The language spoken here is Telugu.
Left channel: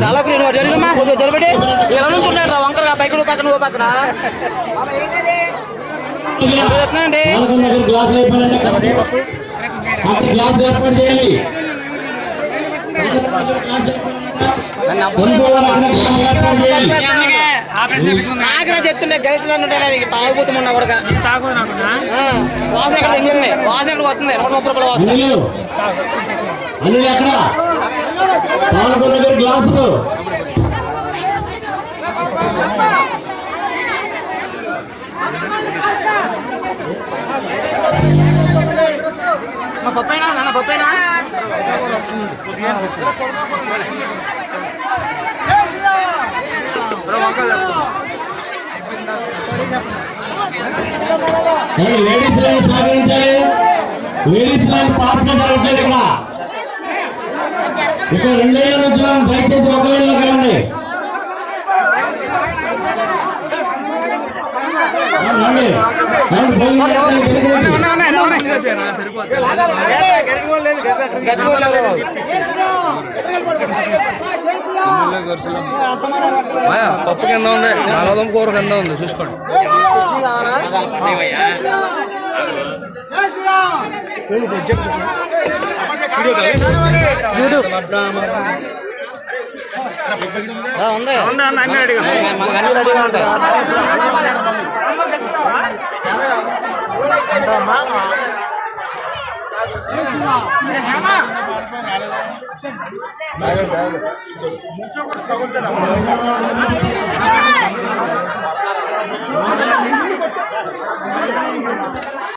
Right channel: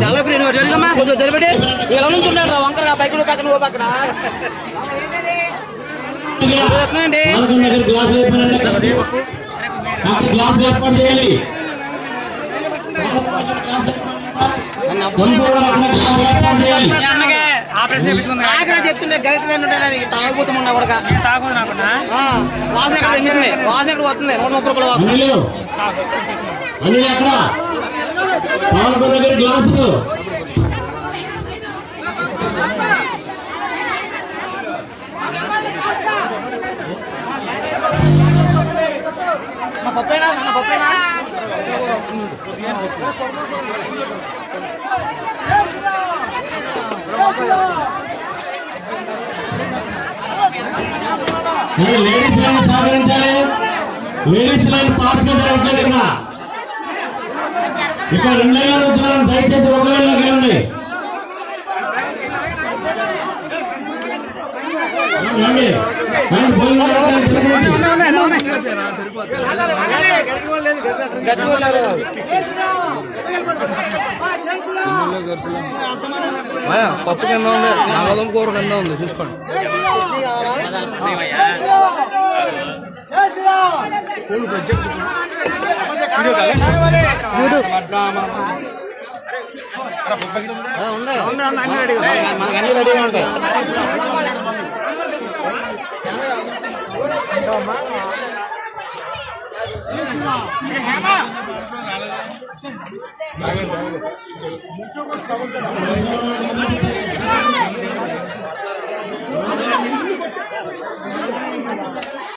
చాలా ఫ్రీ జరిగమ్మా కొంచెం జరిపెట్టి ఇలా నుంచుంటాడు రా వంకర పైకి పక్కన ఓ పక్కన. చెప్తుండే గరిట ఉంటాయి తాగుబోతు మొన్న కూడా. వాసన ఎంగిరిని వాసన వస్తుంది? నూట ముప్పై వస్తుంది గ్లాసు మా నాన్న పప్పేనా లేడీస్ లైన్ సాధించాలి లేడీస్ లైన్ పార్టీ జరగట్లేదు ఇక్కడ. ఇక్కడ రెండు వేల దయచేసి ఒక వేల రండి. పప్పు కింద ఉంది బంగాళదుంప కూర కింద ఉంది చూసుకోండి. ఉంది. మనకు అన్ని రెడీగా ఉంటాయి